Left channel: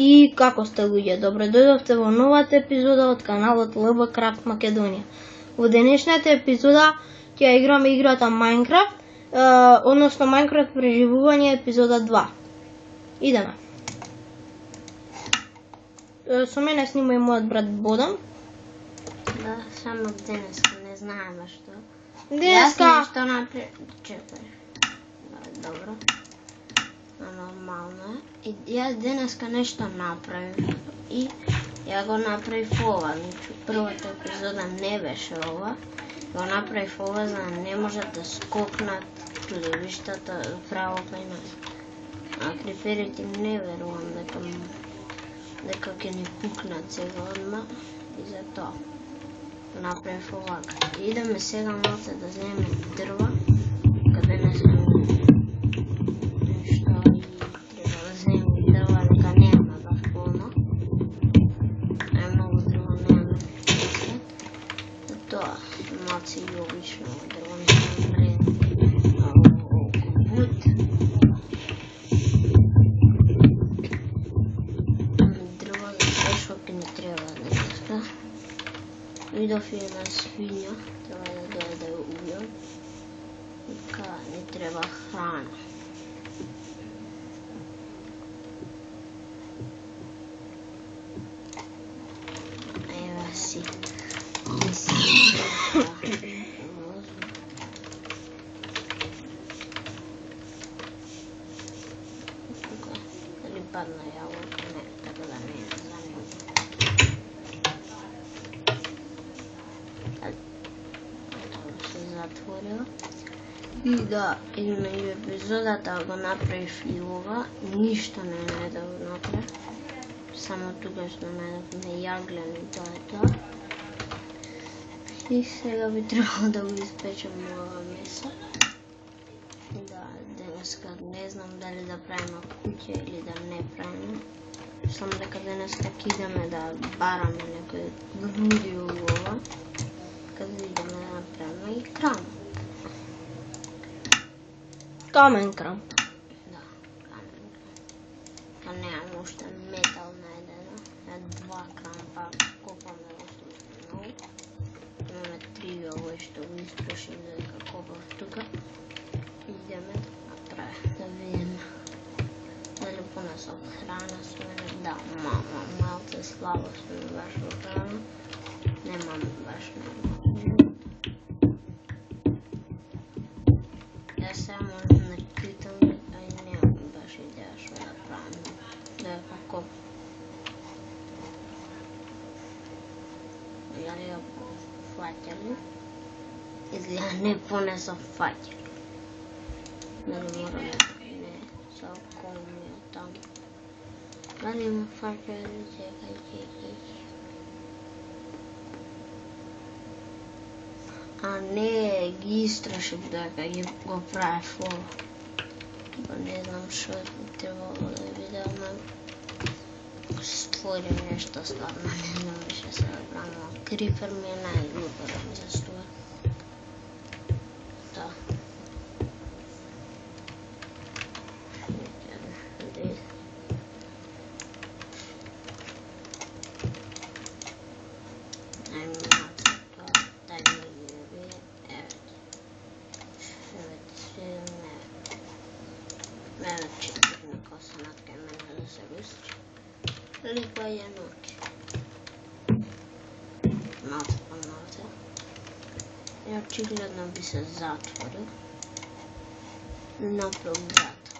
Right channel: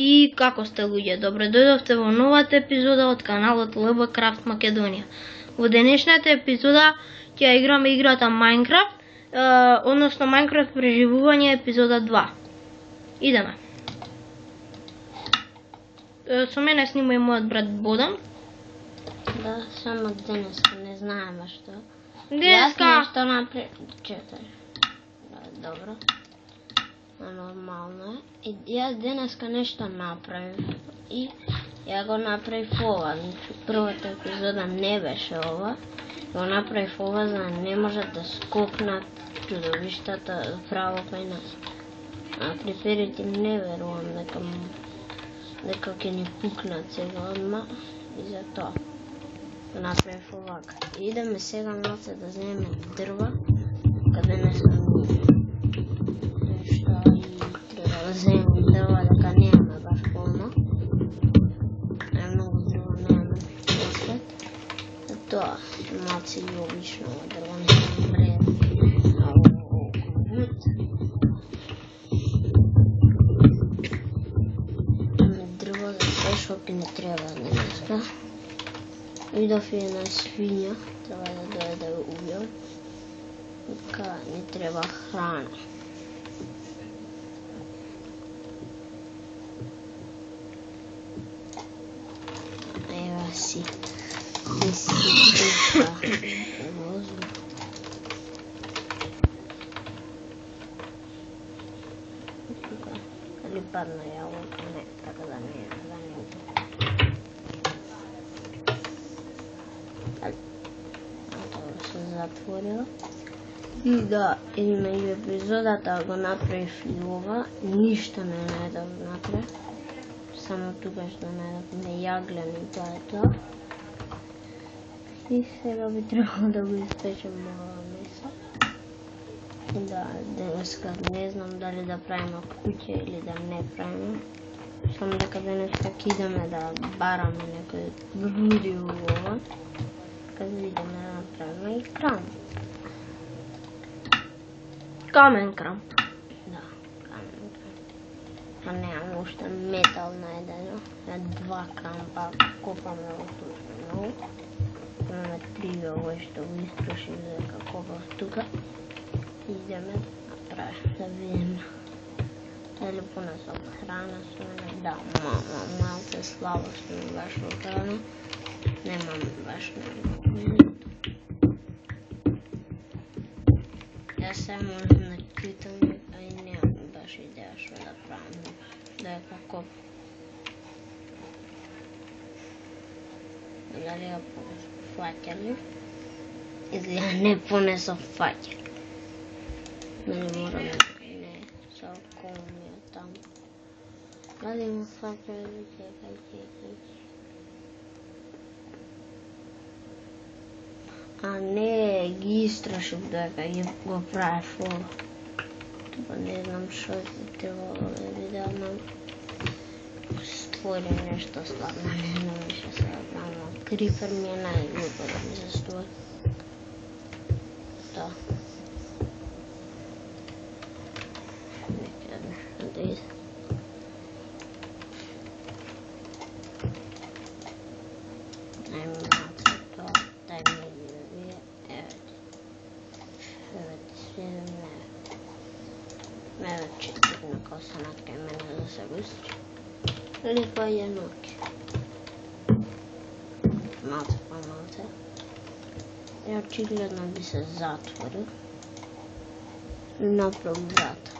И како сте луѓе? Добро дојдовте во новата епизода од каналот LB Craft Македонија. Во денешната епизода ќе играме играта Minecraft, односно Minecraft преживување епизода 2. Идеме. Со мене снима и мојот брат Бодан. Да, само денеска не знаеме што. Денеска Јас нешто чекај. Добро. Нормално е. И јас денеска нешто направив и ја го направив ова. Првата епизода не беше ова. Го направив ова за да не можат да скокнат чудовиштата право кај нас. А криперите не верувам дека ќе ни пукнат сега одма и за тоа го направив овака. Идеме сега малце да земеме дрва каде не се малце и обично дрво не се вредни. Дрво за се што ќе ни треба денеска. Видов една свиња, треба да дојде да го убијам. Така ни треба храна. Ева си. Дали падна јаблка? Не, така да не е занема. Тоа се затворила. И да, измеѓу епизодата го направив и ова, ништо не најдов да го направив. Само тогаш да најдовме јаглен и тоа е тоа. И сега би требало да го испечем ова месо. Да, денеска не знам дали да правиме куќа или да не правиме. Само дека денеска идеме да бараме некој груди ова. Каде идеме да направиме и крам. Камен крам. Да, камен крам. Па немам уште метал најдено. 2 крампа копаме во тука. Имаме 3 овој што го истрошим дека копав тука. Идеме да направим, да видиме дали понесам храна со мене. Да, малце слабо сме баш во храна. Немам баш немам. Јас сега можам да читам, а и немам баш идеја што да правим. Дека копав. Дали ја фаќали? Или ја не понесов фаќали? Дали морам не, са околумија таму. Дали има фаќали? Чекај. А не, ги истрошив дека го правев ова. Тоа не знам што требало да видам. Ако се створи нешто слабо, не знам више се да правим. Крипер ми е најлюбов за створи. Тоа. Липа е ноки. Малце по малце. И очигледно би се затворил. Направо врата.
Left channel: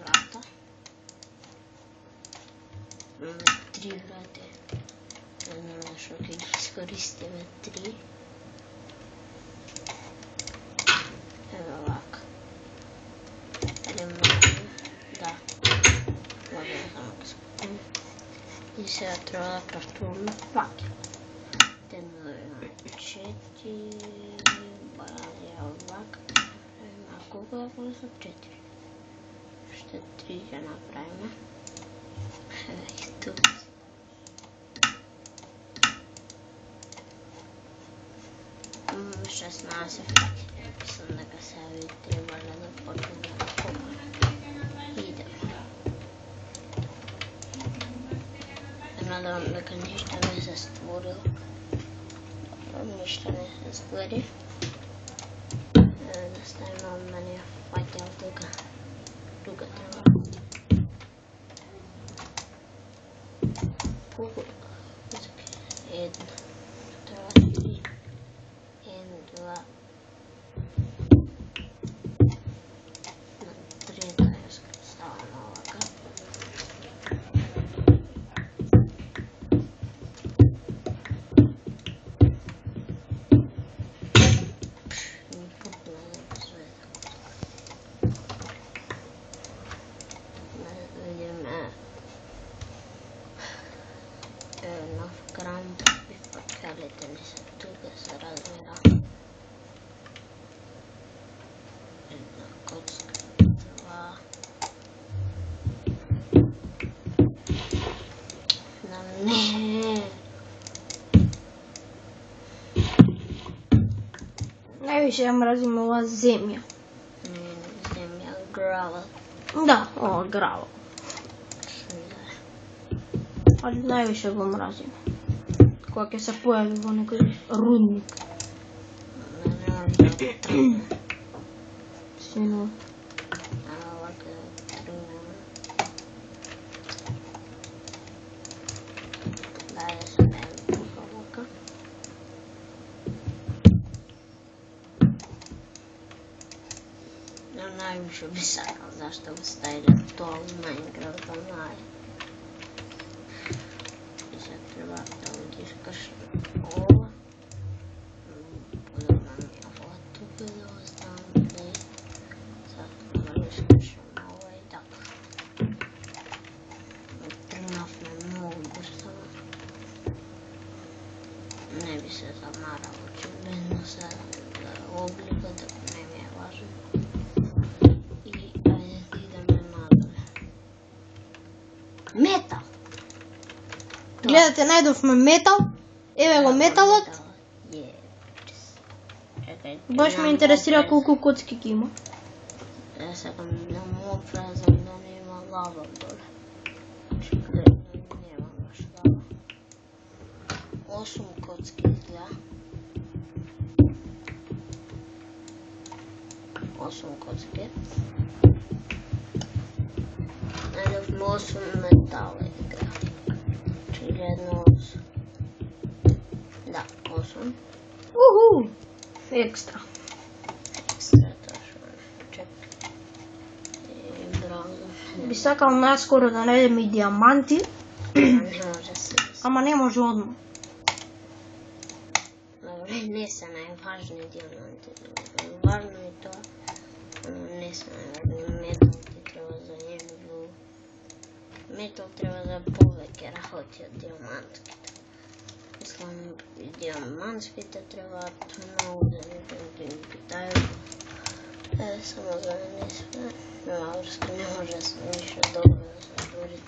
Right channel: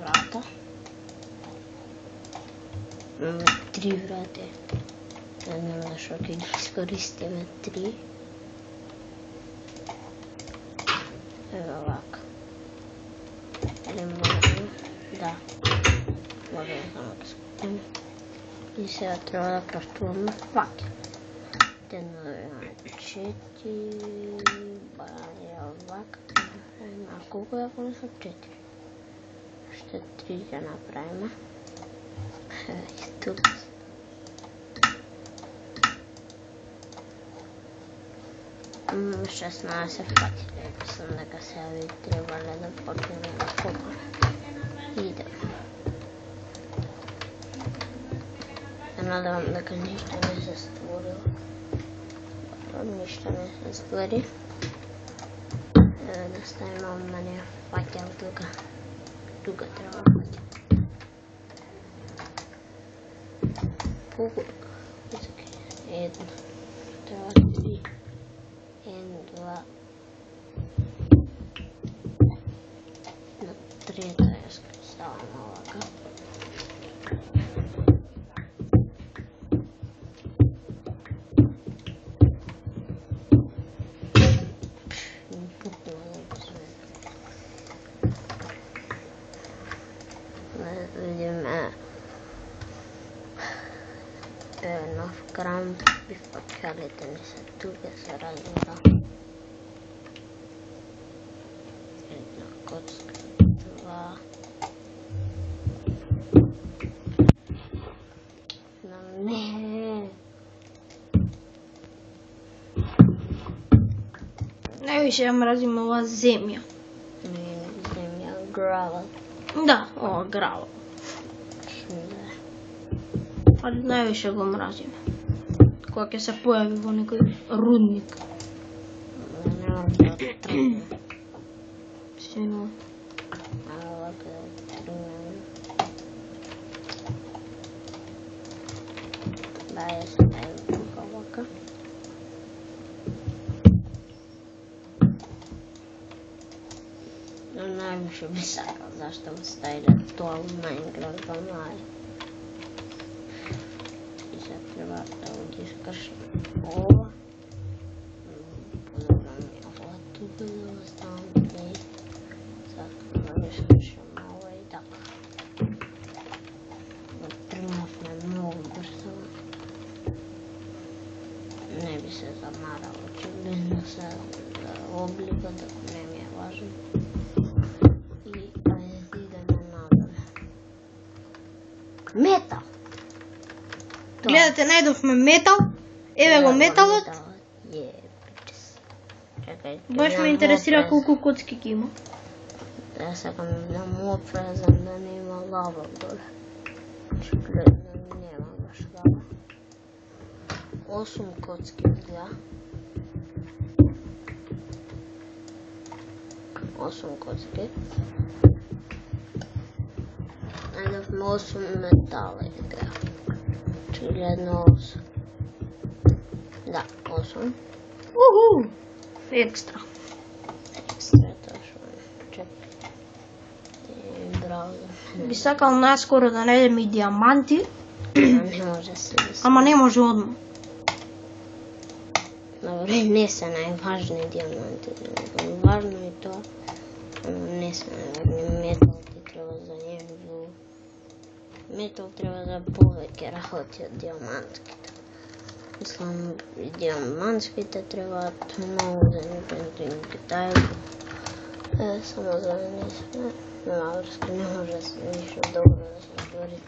Врата. Имаме 3 врати. Не знам зашто ќе ги искористиме 3. Ева вака. Да. Може да само да спокоим. И сега треба да крафтуваме факел. 1, 2, 4. Баралија овака. А колку ја понесам? 4. Уште 3 ќе направиме. И тук. Шестнаесет пати. Мислам дека сега би требале да почнеме да nadam дека ништо не се створило. Ништо не се створи. Да ставим на неја фаќал тука. Тука треба. Пугу. Едно. Два, три. Едно, два. На трета ја ставам овака. Нов крам и факелите не се тука се разбира. Една коцка, два. Не. Највише ја мразим ова земја. Не, земја, гравел. Да, ова грава. Ali najviše го mrazim. Kога ќе се појави во некој рудник. Сино. Овака тргнем. Дај се тука овака. Но највише би сакал зашто го ставиле тоа во Майнкрафт, онлайн. Треба да одискаш ова. Подобрам ја ова тука да го ставам и sad да одискашам ова и така. Тргнавме многу брзо. Не би се замарал, очигледно се за обликот, не ми е важен. И ајде да идеме надале. Метал! Гледате, најдовме метал. Еве го металот. Баш ме интересира колку коцки ги има. Да сакам да му опрезам да нема лава доле. Очигледно нема баш лава. 8 коцки изгледа. 8 коцки. Најдовме 8 метала изгледа. Очигледно 8. Да, 8. Уху! Екстра. Екстра точно. Чек. Браво. Би сакал наскоро да најдем и диаманти, Не може се да се. ама не може одма. Добре, не се најважни диаманти. Важно е тоа, ама не се најважни. Метал ти треба за небо. Метал треба за повеќе работи од диамантските. Мислам, и диамантските требаат многу за небо. Китай само за не се. Нема врска, не може ништо добро да се створи.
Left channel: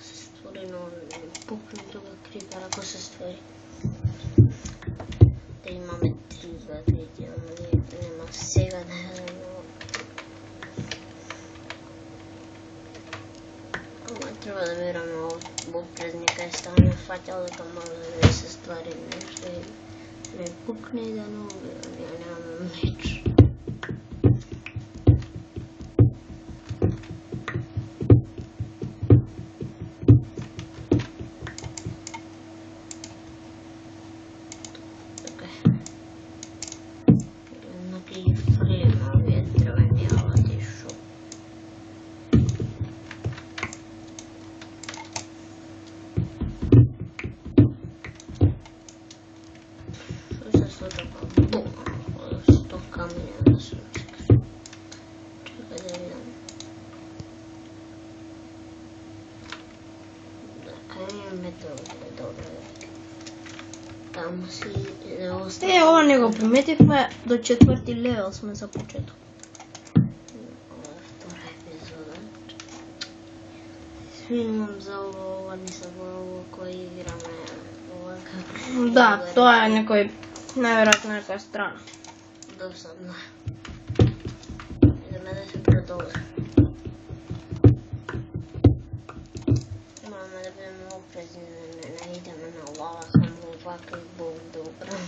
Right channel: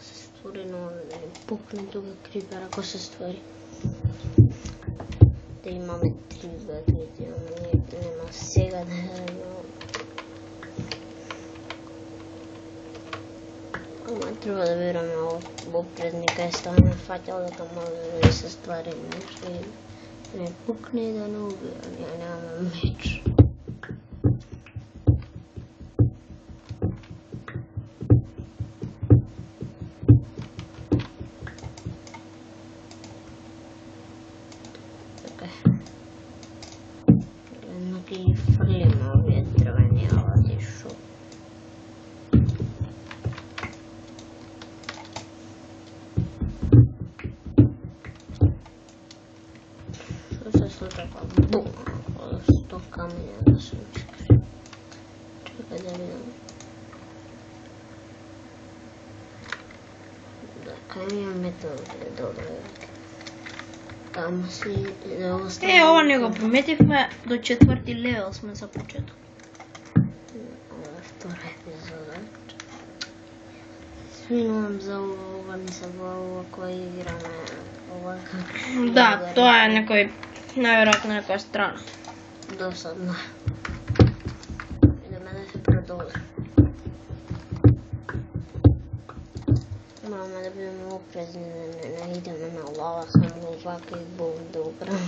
Се створи, но да не пукне тука крипер ако се створи. Да имаме 3 батерии, ама нема сега да имаме. Ама треба да вераме во предника и ставаме фаќал дека може да се ствари нешто и да не пукне и да не убија. Ние немаме меч. И фрлиме овие дрвени алати шо. Шо се случува? Бум! 100 камења да се скри. Чекај да видам. Да, камења метал е добро. Таму си да оставам. Ова не го приметивме, до 4-ти левел сме за почеток. Втора епизода. Сминувам за ова, не се глава кој играме овака. Да, тоа е некој, најверојатно некоја страна. Досадно. Идеме да се продолжи. Мораме да бидеме опрезни. Окей, Бог добра.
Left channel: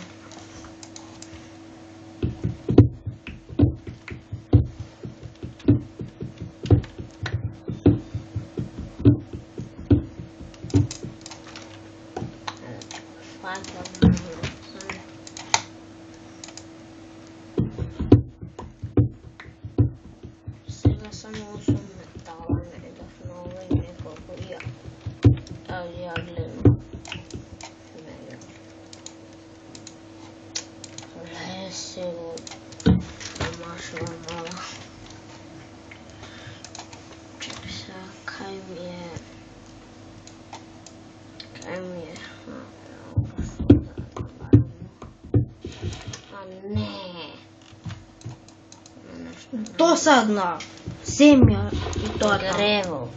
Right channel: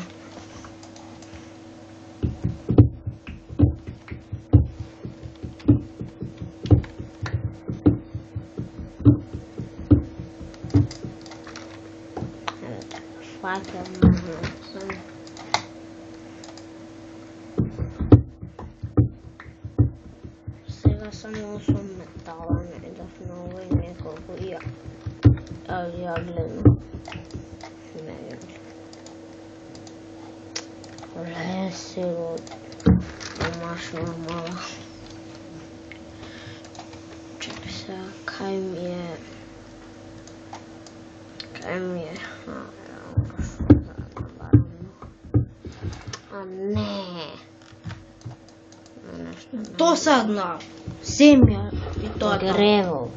Факел можно оставить. Сега само со метала не дохнува и неколку јаглено. Не сега домашна мала. Чекай сега, кај ми е, а не. Досадна земја и тоа. Грево.